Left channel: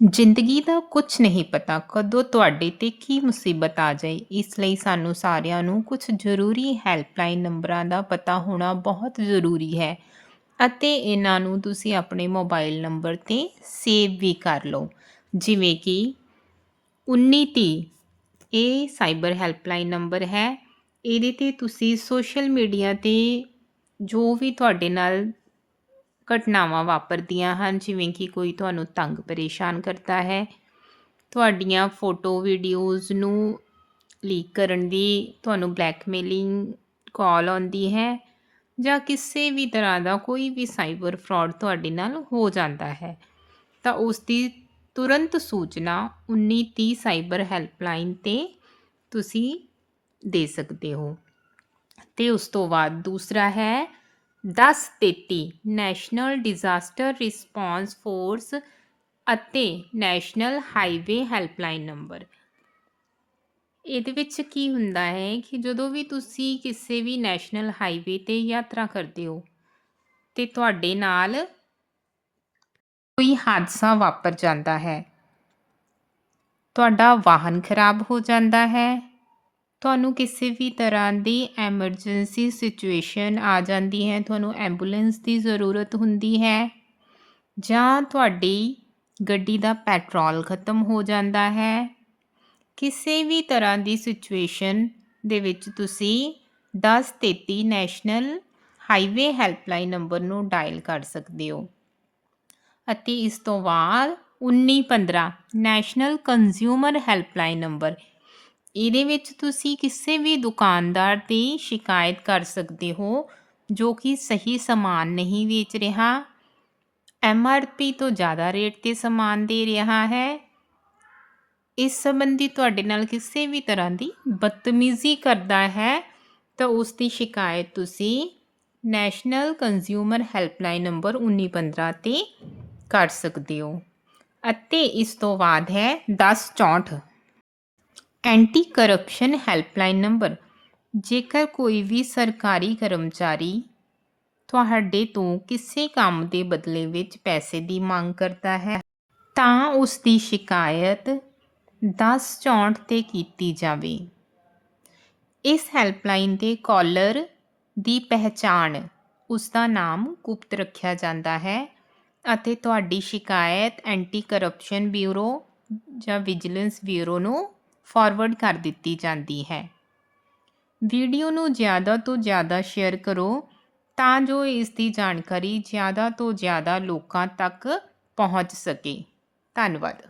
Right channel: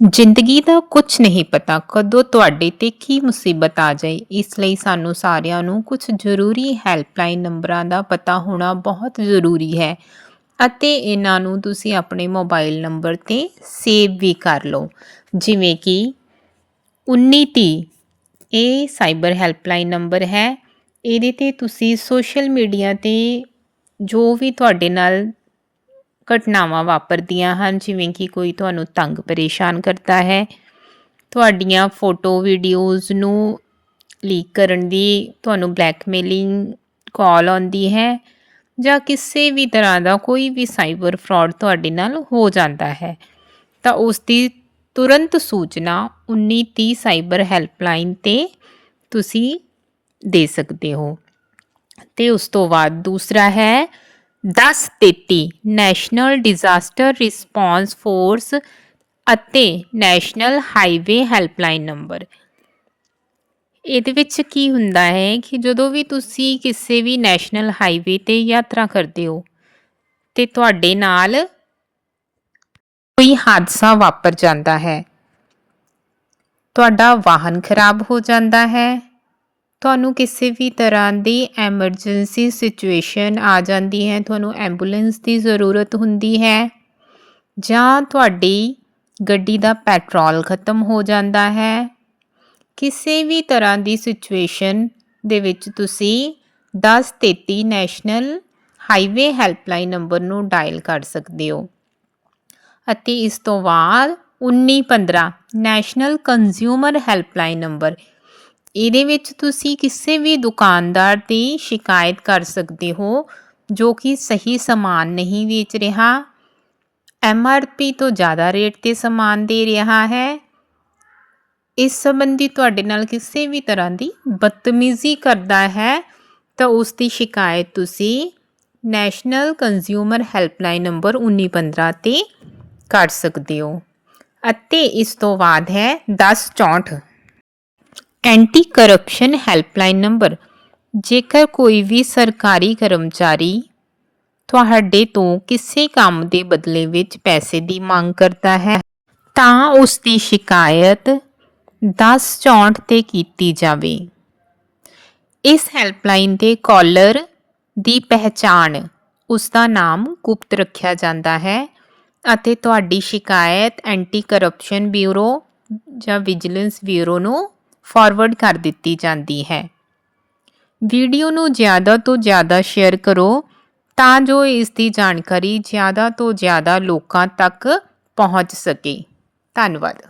ਜ਼ਿੰਦਗੀ ਦਾ ਕੁਝ ਨਹੀਂ ਪਤਾ ਕਦੋਂ ਤੁਹਾਡੇ ਤੇ ਕੀ ਮੁਸੀਬਤ ਆ ਜਾਏ। ਇਸ ਲਈ ਸਾਨੂੰ ਸਾਰਿਆਂ ਨੂੰ ਕੁਝ ਜ਼ਰੂਰੀ ਹੈਲਪਲਾਈਨ ਨੰਬਰਾਂ ਦਾ ਪਤਾ ਹੋਣਾ ਬਹੁਤ ਜ਼ਰੂਰੀ ਹੈ ਅਤੇ ਇਹਨਾਂ ਨੂੰ ਤੁਸੀਂ ਆਪਣੇ ਮੋਬਾਈਲ ਨੰਬਰ ਤੇ ਸੇਵ ਵੀ ਕਰ ਲਓ। ਜਿਵੇਂ ਕਿ 1930 ਇਹ ਸਾਈਬਰ ਹੈਲਪਲਾਈਨ ਨੰਬਰ ਹੈ। ਇਹਦੇ ਤੇ ਤੁਸੀਂ ਸੋਸ਼ਲ ਮੀਡੀਆ ਤੇ ਜੋ ਵੀ ਤੁਹਾਡੇ ਨਾਲ ਘਟਨਾਵਾਂ ਵਾਪਰਦੀਆਂ ਹਨ, ਜਿਵੇਂ ਕਿ ਕੋਈ ਤੁਹਾਨੂੰ ਤੰਗ ਪਰੇਸ਼ਾਨ ਕਰਦਾ ਹੈ, ਤੁਹਾਡੀਆਂ ਫੋਟੋ ਵੀਡੀਓਜ਼ ਨੂੰ ਲੀਕ ਕਰਨ ਦੀ ਤੁਹਾਨੂੰ ਬਲੈਕਮੇਲਿੰਗ ਕਾਲ ਆਉਂਦੀ ਹੈ ਜਾਂ ਕਿਸੇ ਵੀ ਤਰ੍ਹਾਂ ਦਾ ਕੋਈ ਵੀ ਸਾਈਬਰ ਫਰਾਡ ਤੁਹਾਡੇ ਨਾਲ ਹੋ ਜਾਂਦਾ ਹੈ, ਤਾਂ ਉਸ ਦੀ ਤੁਰੰਤ ਸੂਚਨਾ 1930 ਸਾਈਬਰ ਹੈਲਪਲਾਈਨ ਤੇ ਤੁਸੀਂ ਦੇ ਸਕਦੇ ਹੋ। ਤੇ ਉਸ ਤੋਂ ਬਾਅਦ ਦੂਸਰਾ ਹੈ 1033 ਨੈਸ਼ਨਲ ਡਿਜ਼ਾਸਟਰ ਰਿਸਪੌਂਸ ਫੋਰਸ ਅਤੇ ਨੈਸ਼ਨਲ ਹਾਈਵੇ ਹੈਲਪਲਾਈਨ ਨੰਬਰ। ਇਹਦੇ ਵਿੱਚ ਕੀ ਹੁੰਦਾ ਹੈ ਕਿ ਜਦੋਂ ਵੀ ਤੁਸੀਂ ਕਿਸੇ ਵੀ ਨੈਸ਼ਨਲ ਹਾਈਵੇ ਤੇ ਯਾਤਰਾ ਕਰਦੇ ਹੋ ਤੇ ਤੁਹਾਡੇ ਨਾਲ ਕੋਈ ਹਾਦਸਾ ਵਾਪਰ ਜਾਂਦਾ ਹੈ। ਤੁਹਾਡਾ ਵਾਹਨ ਖਰਾਬ ਹੋ ਜਾਂਦਾ ਹੈ। ਤੁਹਾਨੂੰ ਕਿਸੇ ਵੀ ਤਰ੍ਹਾਂ ਦੀ ਐਮਰਜੈਂਸੀ ਸਿਚੁਏਸ਼ਨ ਆ ਜਾਂਦੀ ਹੈ, ਤੁਹਾਨੂੰ ਐਂਬੂਲੈਂਸ ਦੀ ਜ਼ਰੂਰਤ ਹੁੰਦੀ ਹੈ ਜਾਂ ਤੁਹਾਡੀ ਗੱਡੀ ਦਾ ਪੈਟਰੋਲ ਖਤਮ ਹੋ ਜਾਂਦਾ ਹੈ, ਕਿਸੇ ਵੀ ਤਰ੍ਹਾਂ ਦੀ ਸਿਚੁਏਸ਼ਨ ਦੇ ਵਿੱਚ ਤੁਸੀਂ 1033 ਨੈਸ਼ਨਲ ਹਾਈਵੇ ਹੈਲਪਲਾਈਨ ਨੰਬਰ ਨੂੰ ਡਾਇਲ ਕਰ ਸਕਦੇ ਹੋ ਅਤੇ ਇਸ ਤੋਂ ਬਾਅਦ 1915 ਨੈਸ਼ਨਲ ਕੰਜ਼ਿਊਮਰ ਹੈਲਪਲਾਈਨ ਨੰਬਰ ਇਹਦੇ ਵਿੱਚ ਤੁਸੀਂ ਕਿਸੇ ਵੀ ਦੁਕਾਨਦਾਰ ਦੀ ਸ਼ਿਕਾਇਤ ਕਰ ਸਕਦੇ ਹੋ, ਜੋ ਕਿ ਸਹੀ ਸਮਾਨ ਨਹੀਂ ਵੇਚ ਰਿਹਾ। ਐੱਮ ਆਰ ਪੀ ਤੋਂ ਜ਼ਿਆਦਾ ਰੇਟ ਤੇ ਸਮਾਨ ਦੇ ਰਿਹਾ ਹੈ। ਇਸ ਸੰਬੰਧੀ ਤੁਹਾਡੇ ਨਾਲ ਕਿਸੇ ਵੀ ਤਰ੍ਹਾਂ ਦੀ ਬਦਤਮੀਜ਼ੀ ਕਰਦਾ ਹੈ, ਤਾਂ ਉਸ ਦੀ ਸ਼ਿਕਾਇਤ ਤੁਸੀਂ ਨੈਸ਼ਨਲ ਕੰਜ਼ਿਊਮਰ ਹੈਲਪਲਾਈਨ ਨੰਬਰ 1915 ਤੇ ਕਰ ਸਕਦੇ ਹੋ। ਅਤੇ ਇਸ ਤੋਂ ਬਾਅਦ ਹੈ 1064 ਐਂਟੀ ਕਰਪਸ਼ਨ ਹੈਲਪਲਾਈਨ ਨੰਬਰ ਜੇਕਰ ਕੋਈ ਵੀ ਸਰਕਾਰੀ ਕਰਮਚਾਰੀ ਤੁਹਾਡੇ ਤੋਂ ਕਿਸੇ ਕੰਮ ਦੇ ਬਦਲੇ ਵਿੱਚ ਪੈਸੇ ਦੀ ਮੰਗ ਕਰਦਾ ਹੈ, ਤਾਂ ਉਸ ਦੀ ਸ਼ਿਕਾਇਤ 1064 ਤੇ ਕੀਤੀ ਜਾਵੇ। ਇਸ ਹੈਲਪਲਾਈਨ ਤੇ ਕਾਲਰ ਦੀ ਪਹਿਚਾਣ, ਉਸ ਦਾ ਨਾਮ ਗੁਪਤ ਰੱਖਿਆ ਜਾਂਦਾ ਹੈ ਅਤੇ ਤੁਹਾਡੀ ਸ਼ਿਕਾਇਤ ਐਂਟੀ ਕਰਪਸ਼ਨ ਬਿਊਰੋ ਜਾਂ ਵਿਜੀਲੈਂਸ ਬਿਊਰੋ ਨੂੰ ਫਾਰਵਰਡ ਕਰ ਦਿੱਤੀ ਜਾਂਦੀ ਹੈ। ਵੀਡੀਓ ਨੂੰ ਜ਼ਿਆਦਾ ਤੋਂ ਜ਼ਿਆਦਾ ਸ਼ੇਅਰ ਕਰੋ ਤਾਂ ਜੋ ਇਸ ਦੀ ਜਾਣਕਾਰੀ ਜ਼ਿਆਦਾ ਤੋਂ ਜ਼ਿਆਦਾ ਲੋਕਾਂ ਤੱਕ ਪਹੁੰਚ ਸਕੇ। ਧੰਨਵਾਦ।